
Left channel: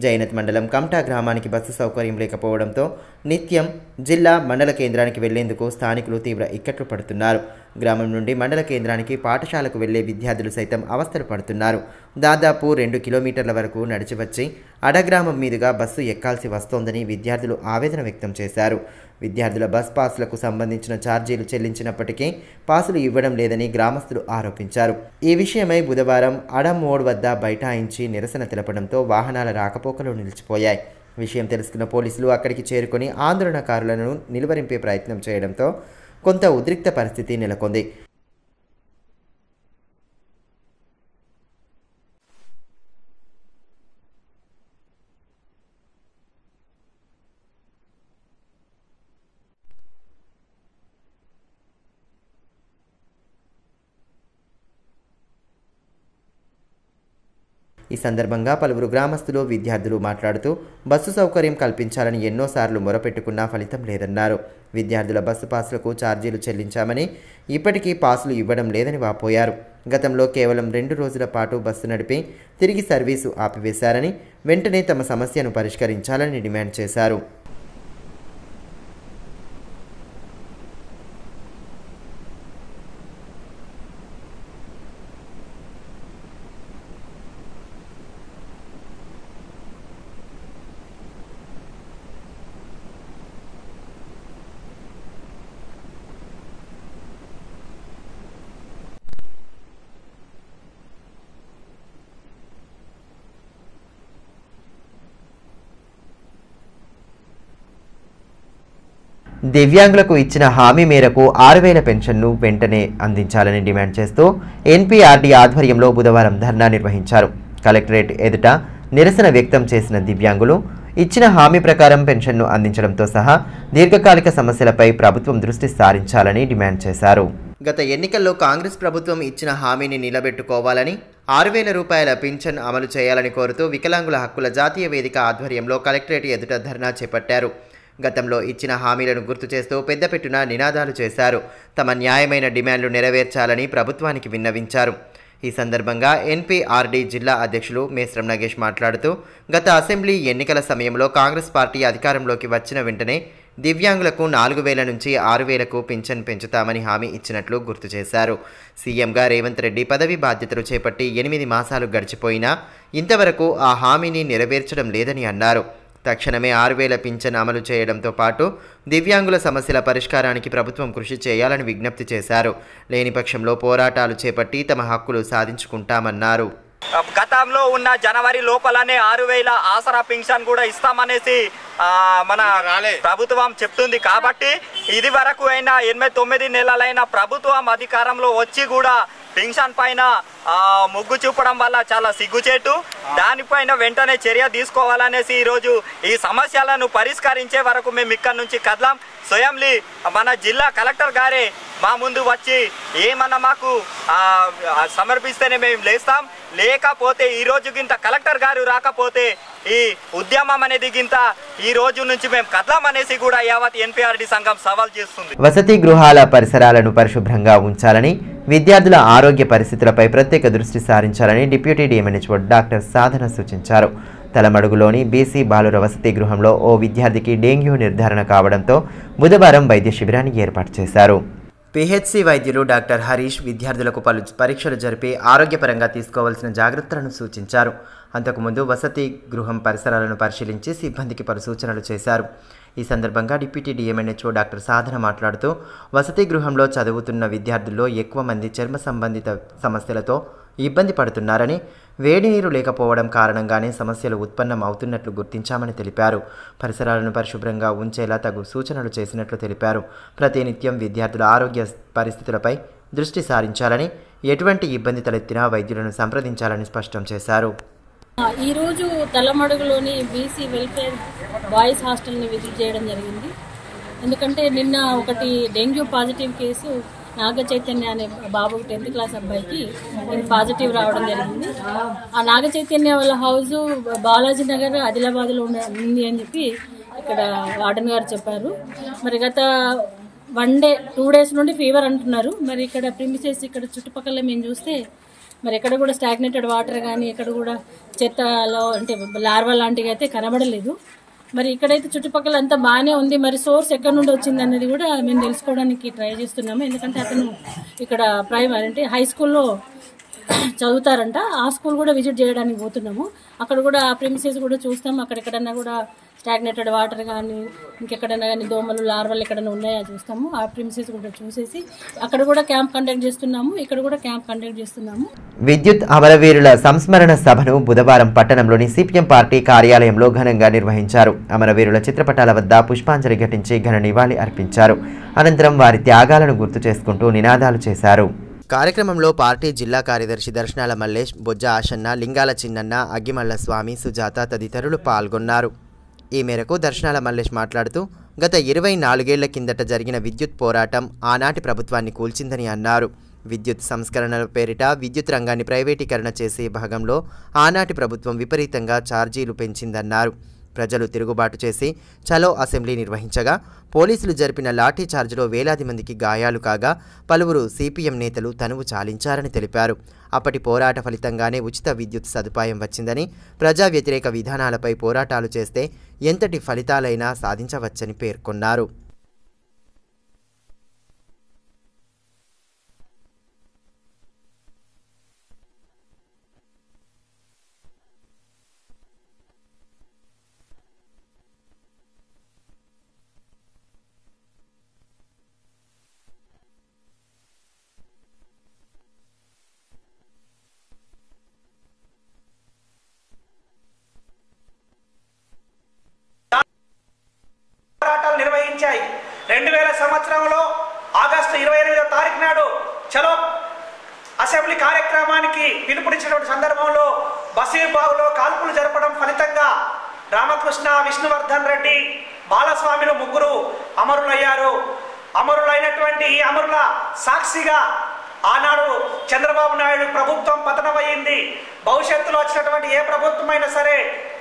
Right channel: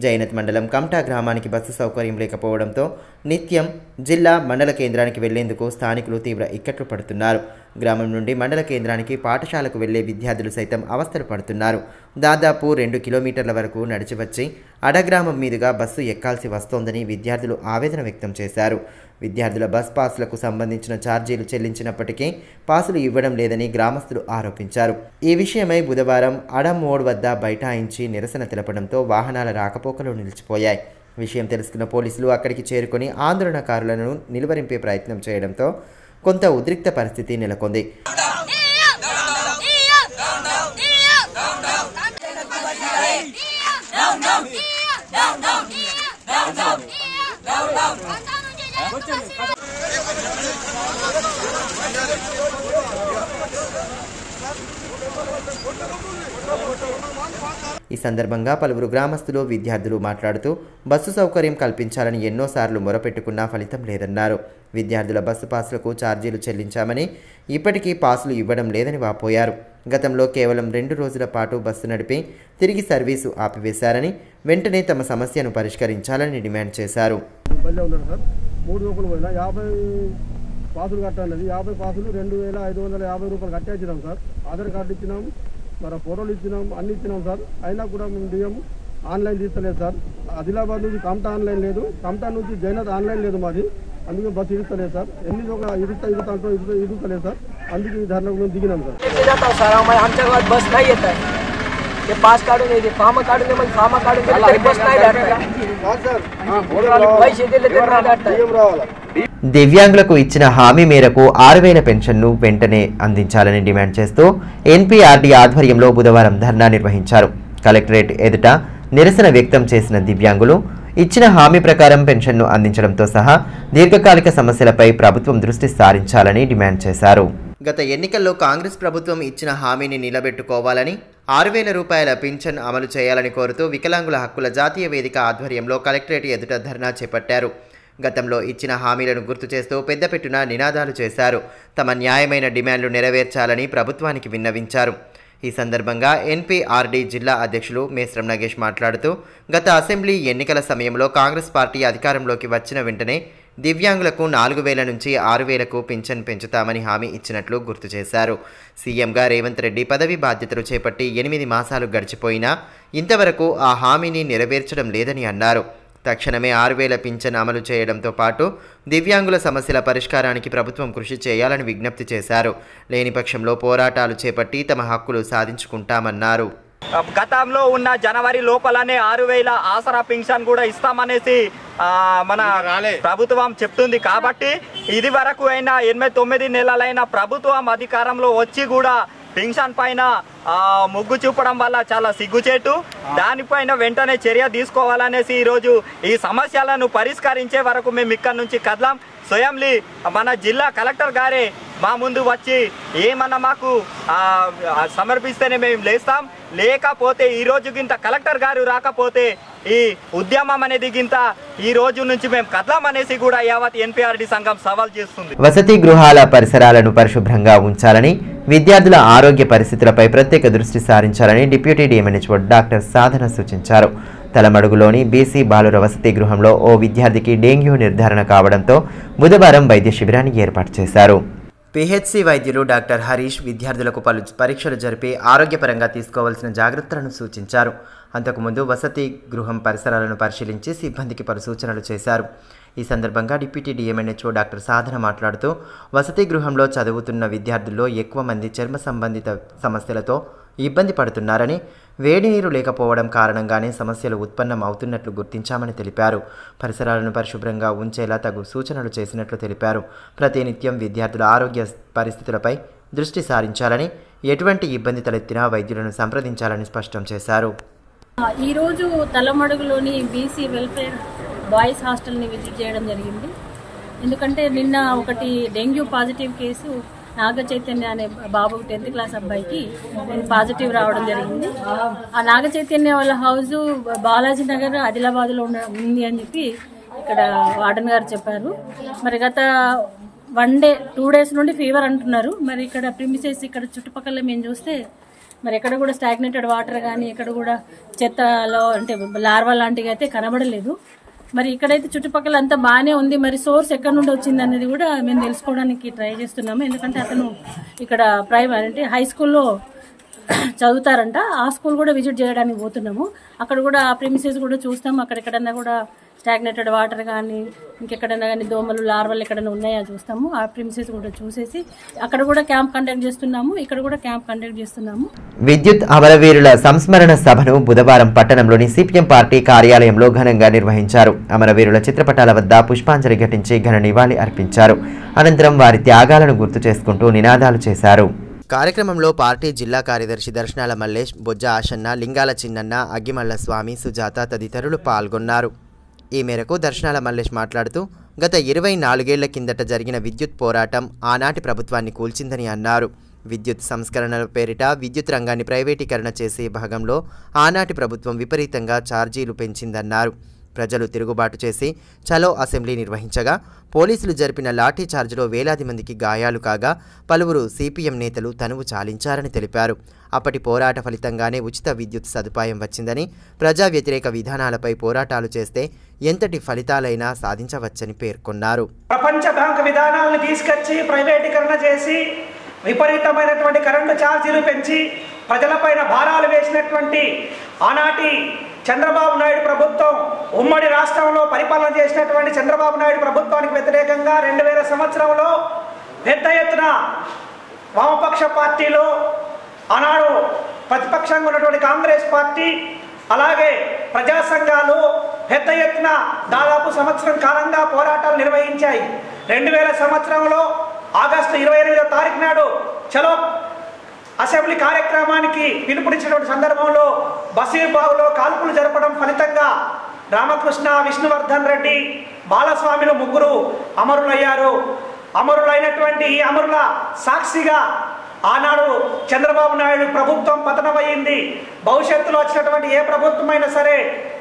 జైనత్ మండలం కమ్టా గ్రామానికి బస్సు సౌకర్యం లేకపోవడంతో నిత్యం జిల్లా, మండల కేంద్రానికి వెళ్లేందుకు స్థానికులు తీవ్ర ఇక్కట్లు పడుతున్నారు. గ్రామం నుండి మండల కేంద్రానికి, పాఠశాలకు వెళ్లే విద్యార్థులు సైతం అవస్థలు పడుతున్నారు. దాదాపు 2 కిలోమీటర్ల వరకు నడిచి వచ్చి అడగ్రామం మీదుగా బస్సు ఎక్కాల్సి వస్తోందని విద్యార్థులు ఆవేదన వ్యక్తం చేశారు. విద్యార్థుల బస్ పాసులకు సంబంధించిన ఛార్జీలు చెల్లించినప్పటికీ పాసులు ఇవ్వడం లేదని గ్రామస్తులు ఆరోపించారు. ఈ విషయమై బుధవారం అడమోడ్ వద్ద బైఠాయించి నిరసన తెలపడంతో వాహనాల రాకపోకలు నిలిచిపోయాయి. విషయం తెలుసుకున్న పోలీసులు అక్కడికి చేరుకొని ఆందోళనకారులను నిలువరింపే ప్రయత్నం చేయడంతో కొంత ఉద్రిక్త పరిస్థితి నెలకొంది. ఈ సందర్భంగా పలువురు గ్రామస్తులు, విద్యార్థులు మాట్లాడుతూ బస్సు సౌకర్యం కల్పించాలని ఎన్నోసార్లు మొరపెట్టుకున్నా ఫలితం లేదన్నారు. విద్యార్థుల బస్సు పాసులకు ఛార్జీలు చెల్లించామని ఇప్పటికీ పాసులు ఇవ్వడం లేదని వాపోయారు. గతంలో కేవలం 2 రోజుల పాటు బస్సు నడిపి తిరిగి సర్వీసు ఆపివేశారని, వెంటనే తమ సమస్యను పరిష్కరించాలని డిమాండ్ చేశారు. పాసులు కట్టాలి, 50 పాసులు 2550 రూపాయలు కట్టేసినాం సార్. ఆధార్ కార్డు ఇచ్చినాం, మరి ఫోటోలు ఇచ్చినాం, అన్ని ఇచ్చినాం సార్. అయినా కూడా మేము డిఎం ఆన్లైన్ తీస్తలేదు సార్. ఆదిలాబాద్ నుంచి కమ్టా ఆన్లైన్ లేదు, కమ్టా నుంచి జైనత్ ఆన్లైన్ లేదు మాది. అందుకే బస్సు ఇస్తలేదు సార్. ఎన్ని ఇరుస్తలేదు సార్. అందుకే ఈ ధర్నా మేము దిగినాం సార్. దివ్యాంగులకు ఇచ్చిన హామీ మేరకు 6000 పెన్షన్ను వెంటనే అందించాలని డిమాండ్ చేస్తూ ఎన్పీఆర్డీ ఆధ్వర్యంలో బుధవారం ధర్నా నిర్వహించారు. కలెక్టరేట్ ఎదుట నిరసన వ్యక్తం చేసిన దివ్యాంగులు ఇచ్చిన హామీ ప్రకారం పెన్షన్ను అందించడంతో సహా దీర్ఘకాలిక సమస్యలపై ప్రభుత్వం దృష్టి సారించాలని డిమాండ్ చేశారు. గత ఎన్నికల్లో కాంగ్రెస్ ప్రభుత్వం ఇచ్చిన హామీని నిలబెట్టుకోవాలని, 6000 రూపాయల పింఛన్ అమలు చేయాలని కోరుతూ వికలాంగుల హక్కుల జాతీయ వేదిక ఆధ్వర్యంలో కలెక్టరేట్ ఎదుట ధర్నా చేపట్టారు. గతంలో ఇచ్చిన హామీలను గుర్తు చేస్తూ పెద్దపెట్టున నినాదాలు చేశారు. తమ న్యాయమైన డిమాండ్లు నెరవేర్చాలని ప్రభుత్వానికి విన్నవించారు. ఈ సందర్భంగా ఎన్పీఆర్డీ జిల్లా అధ్యక్షులు మేస్రం నగేష్ మాట్లాడుతూ గత అసెంబ్లీ ఎన్నికల సమయంలో కాంగ్రెస్ పార్టీ అధికారంలోకి వచ్చిన వెంటనే దివ్యాంగులకు 4,000 నుంచి 6,000కు పింఛన్ పెంచుతామని హామీ ఇచ్చినట్లు గుర్తు చేశారు. సీఎంగా రేవంత్ రెడ్డి పదవి బాధ్యతలు చేపట్టి 8 మాసాలు గడిచిపోయినా ఇంతవరకు ఆ హామీని నెరవేర్చడం లేదని అన్నారు. తక్షణమే 6,000 పింఛన్ అమలు చేయడంతో పాటు దివ్యాంగుల సమస్యల పరిష్కారానికి ప్రభుత్వం కృషి చేయాలని విజ్ఞప్తి చేశారు. లేని పక్షంలో పోరాటాలు చేపట్టి తమ హక్కులు సాధించుకుంటామన్నారు. గతంలో ఉన్న జనవరి లోపలనే 6,000 ఆసరా పింఛన్ కూడా ఇస్తామనేసి మన ప్రభుత్వం చెప్తుంది. కాబట్టి ఇది వరకు అయినా 8-9 నెలలైన ప్రభుత్వం అధికారంలో వచ్చి కూడా పింఛన్ పైన మొగ్గు చూపడం వల్ల చాలా సిగ్గుచేటు. దానిపైన వెంటనే చర్య తీసుకోవాలనేసి ఈరోజు ఈ సమస్యలను పరిష్కరించే వరకు మేము ఇక్కడి నుంచి కదలాం. స్వయంలీ మన జిల్లా కలెక్టర్ గారే మా ముందు వచ్చి ఏమన్నా మాకు సమర్పిస్తేనే మేము లేస్తాం. లేకపోతే ఈ రోజు గింత కలెక్టర్ గారు రాకపోతే ఈ ఉద్యమం అనేది గింత ఈ రోజు నుంచి మేము కదలామనేసి కూడా యావత్ ఎన్పీఆర్డీ సంఘం సవాల్ చేస్తుంది. వసతి గృహాల పరిసరాలను పరిశుభ్రంగా ఉంచాలని, విద్యార్థుల ఆరోగ్య పరిస్థితులపై ప్రత్యేక దృష్టి సారించాలని డిప్యూటీ డిఎంఎన్హెచ్ఓ డాక్టర్ సాధన సూచించారు. తలమడుగులోని బీసీ బాలుర వసతి గృహంలో ఓ విద్యార్థికి డెంగ్యూ నిర్ధారణ కావడంతో బుధవారం వైద్య శిబిరాన్ని ఏర్పాటు చేశారు. పిహెచ్సి వైద్యులు డాక్టర్ హరీష్ విద్యార్థులకు పలు పరీక్షలు జరిపి ఆరోగ్యపరంగా తీసుకోవాల్సిన జాగ్రత్తలను సూచించారు. అంతకుముందు వసతి గృహం పరిసరాలను పరిశీలించి సిబ్బందికి పలు సూచనలు చేశారు. ఈ సందర్భంగా డిప్యూటీ డిఎంఎన్హెచ్ఓ డాక్టర్ సాధన మాట్లాడుతూ వసతి గృహంలో చదువుతున్న విద్యార్థుల్లో ఎక్కువ మంది చర్మ సంబంధిత సమస్యలతో ఇబ్బంది పడుతున్నారని, వేడి నీరు లేకపోవడం కారణంగానే సమస్యలు ఉత్పన్నం అవుతున్నట్లు గుర్తించామని తెలిపారు. పరిసరాలను పరిశుభ్రంగా ఉంచేలా తగు సూచనలు చేసినట్లు తెలిపారు. ప్రతినిత్యం విద్యార్థుల ఆరోగ్య పరిస్థితులపై దృష్టి సారించాలని, ఎటువంటి ఇబ్బంది తలెత్తినా వైద్యులను సంప్రదించాలని స్పష్టం చేశారు. ఈరోజు తలమడుగులోని బీసీ వెల్ఫేర్ బాయ్స్ హాస్టల్ని విజిట్ చేయడం జరిగింది. ఎందుకంటే నిన్న ఒకటి dengue positive case Naga Chaitanya అనే బాబు 10th క్లాస్ అబ్బాయికి ఇది పాజిటివ్ రావడం జరిగింది. ఆ నాగ చైతన్య వాళ్ళ హౌస్ బాలాజీ నగర్ ఆదిలాబాద్లో ఉంది అని చెప్పి ఇక్కడ వార్డెన్ గారు చెప్పారు. మరి గత 2 డేస్ నుండి ఫీవర్ అంటున్నారు. మరి ఇక్కడ ప్రిమిసెస్ ఇక్కడ చుట్టుపక్కల మేము చూస్తే మరి ఎక్కడ కూడా స్టాగ్నేటెడ్ వాటర్ కానీ ఎక్కడ కూడా చెత్తలో అంటే లార్వా లాంటివి అయితే కనబడలేదు. మరి ఇక్కడైతే చుట్టుపక్కల అంతా బాగానే ఉంది. మరి సోర్స్ ఎక్కడి నుండి వచ్చింది అనేది కూడా మేము తెలుసుకోవడానికి ట్రై చేస్తున్నాము. ఎందుకంటే అతను ఇక్కడ ప్రైమరీ అంటే హై స్కూల్లో చదువుతారంట. ఆ స్కూల్ కూడా విజిట్ చేయడానికి పోతున్నాము. అక్కడ కూడా ఆ ప్రిమిసెస్ కూడా చూస్తాము. అక్కడెక్కడన్నా కూడా స్టాగ్నేటెడ్ వాటర్ కానీ ఇంకెక్కడైనా కానీ దోమలు లార్వలు ఎక్కడైనా ఉన్నాయా చూస్తాము. ఆ ప్రిమిసెస్ కూడా చూసేసి అక్కడ కూడా క్యాంప్ కండక్ట్ చేస్తున్నాము. ఇక్కడ కూడా క్యాంప్ కండక్ట్ చేస్తున్నాము. విద్యుత్ అమరవీరుల సంస్మరణ సభను బుధవారం పట్టణంలోని సిపిఎం పార్టీ కార్యాలయంలో ఘనంగా నిర్వహించారు. అమరవీరుల చిత్రపటాల వద్ద పుష్పాంజలి ఘటించి ఘన నివాళి అర్పించారు. అనంతరం వారి త్యాగాలను గుర్తు చేసుకుంటూ నినాదాలు చేశారు. కార్యక్రమంలో పార్టీ జిల్లా కార్యదర్శి దర్శనాల మల్లేష్, బొజ్జ ఆశన్న, లింగాల చిన్నన్న, అగ్గిమల్ల స్వామి, సుజాత తదితరులు పాల్గొన్నారు. ఈ మేరకు దర్శనాల మల్లేష్ మాట్లాడుతూ గత 24 ఏళ్ల కిందట జరిగిన విద్యుత్ పోరాటం ఆనాటి ప్రభుత్వాన్ని కూల్చిందని అన్నారు. విద్యుత్ సంస్కరణల పేరిట విద్యుత్ రంగాన్ని ప్రైవేటీకరణ చేసే భాగంలో ఆనాటి ప్రభుత్వం విపరీతంగా ఛార్జీలు పెంచిందన్నారు. ప్రజలు తిరుగుబాటు చేసి చలో అసెంబ్లీ నిర్వహించగా పోలీసులు జరిపిన లాఠీ చార్జ్లో వేలాది మందికి గాయాలు కాగా పలువురు సిపిఎం నేతలు తనువు చాలించారని తెలిపారు. అప్పటి పోరాట ఫలితంగానే ఉచిత విద్యుత్ సదుపాయం వచ్చిందని, ప్రజా వ్యతిరేక విధానాలపై పోరాటాలు చేస్తే ఎంతటి ఫలితాలైనా సాధించవచ్చని పేర్కొన్నారు. ప్రపంచ బ్యాంకు విధానాలను తీసుకొచ్చి ప్రైవేటీకరణ చేసి విపరీతమైనటువంటి కరెంటు ఛార్జీలు పెంచి ప్రజలపైన భారాలు వేసినటువంటి ఆనాటి చంద్రబాబు నాయుడు ప్రభుత్వం, ఉమ్మడి రాష్ట్రంలో పరిపాలన చేసినటువంటి చంద్రబాబు నాయుడు ప్రభుత్వానికి వ్యతిరేకంగా 2000 సంవత్సరంలో పెద్ద ఎత్తున వామపక్ష పార్టీలు, ఆనాడు ప్రతిపక్షంగా ఉన్నటువంటి కాంగ్రెస్ పార్టీ, అలాగే ప్రజా సంఘాలు పెద్ద ఎత్తున దాదాపు సంవత్సరం కాలంగా పోరాటాలు నిర్వహించాయి. 2000 సంవత్సరంలో ఆగస్టు 28వ తారీఖు నాడు చలో అసెంబ్లీ కార్యక్రమానికి పిలుపునిచ్చినటువంటి సందర్భంలో బసీర్బాగులో కాల్పులు జరపడం ఫలితంగా రామకృష్ణ, విష్ణువర్ధన్ రెడ్డి, బాలస్వామిలు 3 అమరులయ్యారు. అమరులైనటువంటి ఈ అమరుల సాక్షిగా ఆనాడు చంద్రబాబు నాయుడు ప్రభుత్వం పతనమయ్యింది. భవిష్యత్తులో వచ్చినటువంటి ఏ ప్రభుత్వమైనా సరే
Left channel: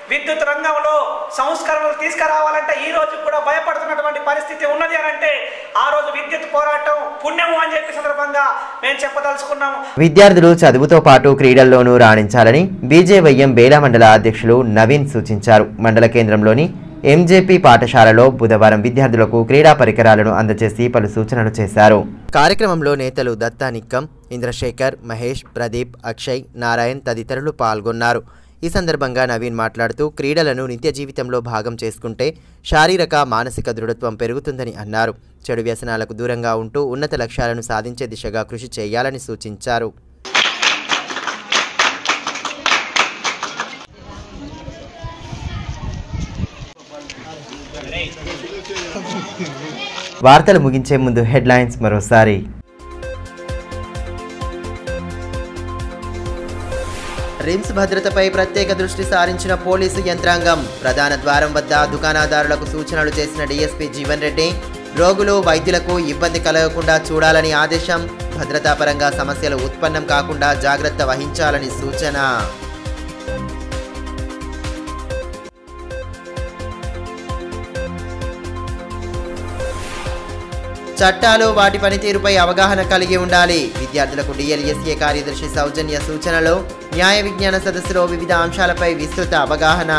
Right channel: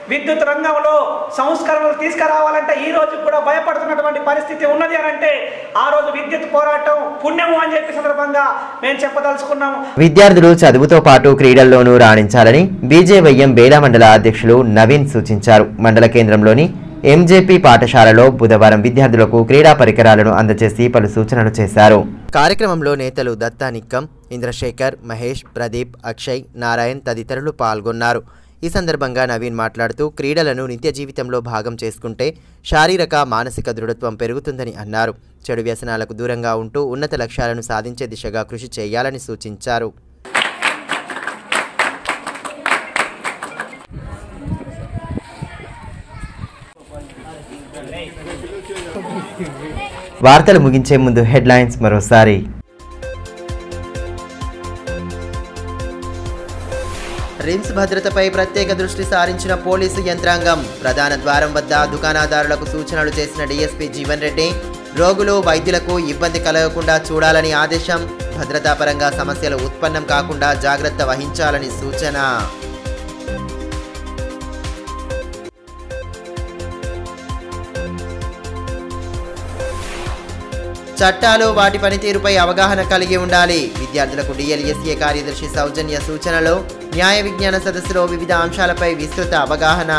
విద్యుత్ రంగంలో సంస్కరణలు తీసుకురావాలంటే ఈ రోజు కూడా భయపడుతున్నటువంటి పరిస్థితి ఉన్నది అని అంటే ఆ రోజు విద్యుత్ పోరాటం పుణ్యము అని చెప్పి సందర్భంగా మేము చెప్పదలుచుకున్నాము. విద్యార్థులు చదువుతో పాటు క్రీడల్లోనూ రాణించాలని బీజేవైఎం బేలా మండల అధ్యక్షులు నవీన్ సూచించారు. మండల కేంద్రంలోని ఎంజేపీ పాఠశాలలో బుధవారం విద్యార్థులకు క్రీడా పరికరాలను అందజేసి పలు సూచనలు చేశారు. కార్యక్రమంలో నేతలు దత్తా నిక్కం, ఇంద్రశేఖర్, మహేష్, ప్రదీప్, అక్షయ్, నారాయణ్ తదితరులు పాల్గొన్నారు. ఈ సందర్భంగా నవీన్ మాట్లాడుతూ క్రీడలను నిత్య జీవితంలో భాగం చేసుకుంటే శారీరక మానసిక దృఢత్వం పెరుగుతుందని అన్నారు. చెడు వ్యసనాలకు దూరంగా ఉంటూ ఉన్నత లక్ష్యాలను సాధించే దిశగా కృషి చేయాలని సూచించారు. వార్తలు ముగించే ముందు హెడ్లైన్స్ మరోసారి. రిమ్స్ భద్రతపై ప్రత్యేక దృష్టి సారించిన పోలీసు యంత్రాంగం. ప్రధాన ద్వారం వద్ద దుకాణదారులకు సూచనలు చేసిన డీఎస్పీ జీవన్ రెడ్డి. రోగులు, వైద్యులకు ఇబ్బంది కలగకుండా చూడాలని ఆదేశం. భద్రతాపరంగా సమస్యలు ఉత్పన్నం కాకుండా జాగ్రత్త వహించాలని సూచన. చట్టాలు, వాటి పనితీరుపై అవగాహన కలిగి ఉండాలి. విద్యార్థులకు డిఎల్ఎస్ఏ కార్యదర్శి సౌజన్య సూచనలు. న్యాయ విజ్ఞాన సదస్సులో వివిధ అంశాలపై విస్తృత అవగాహన.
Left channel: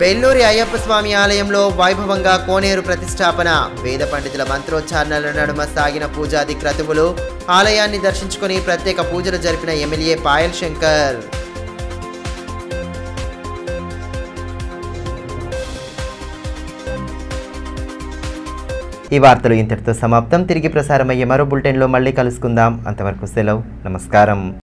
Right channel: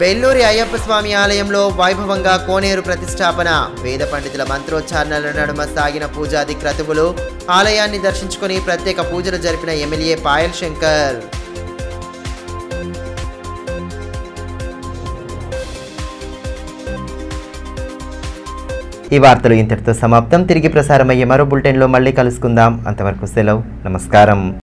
బెల్లూరి అయ్యప్ప స్వామి ఆలయంలో వైభవంగా కోనేరు ప్రతిష్టాపన. వేద పండితుల మంత్రోచ్చారణల నడుమ సాగిన పూజాది క్రతువులు. ఆలయాన్ని దర్శించుకుని ప్రత్యేక పూజలు జరిపిన ఎమ్మెల్యే పాయల్ శంకర్. ఈ వార్తలు ఇంతటితో సమాప్తం. తిరిగి ప్రసారమయ్యే మరో బులెటిన్లో మళ్ళీ కలుసుకుందాం. అంతవరకు సెలవు. నమస్కారం.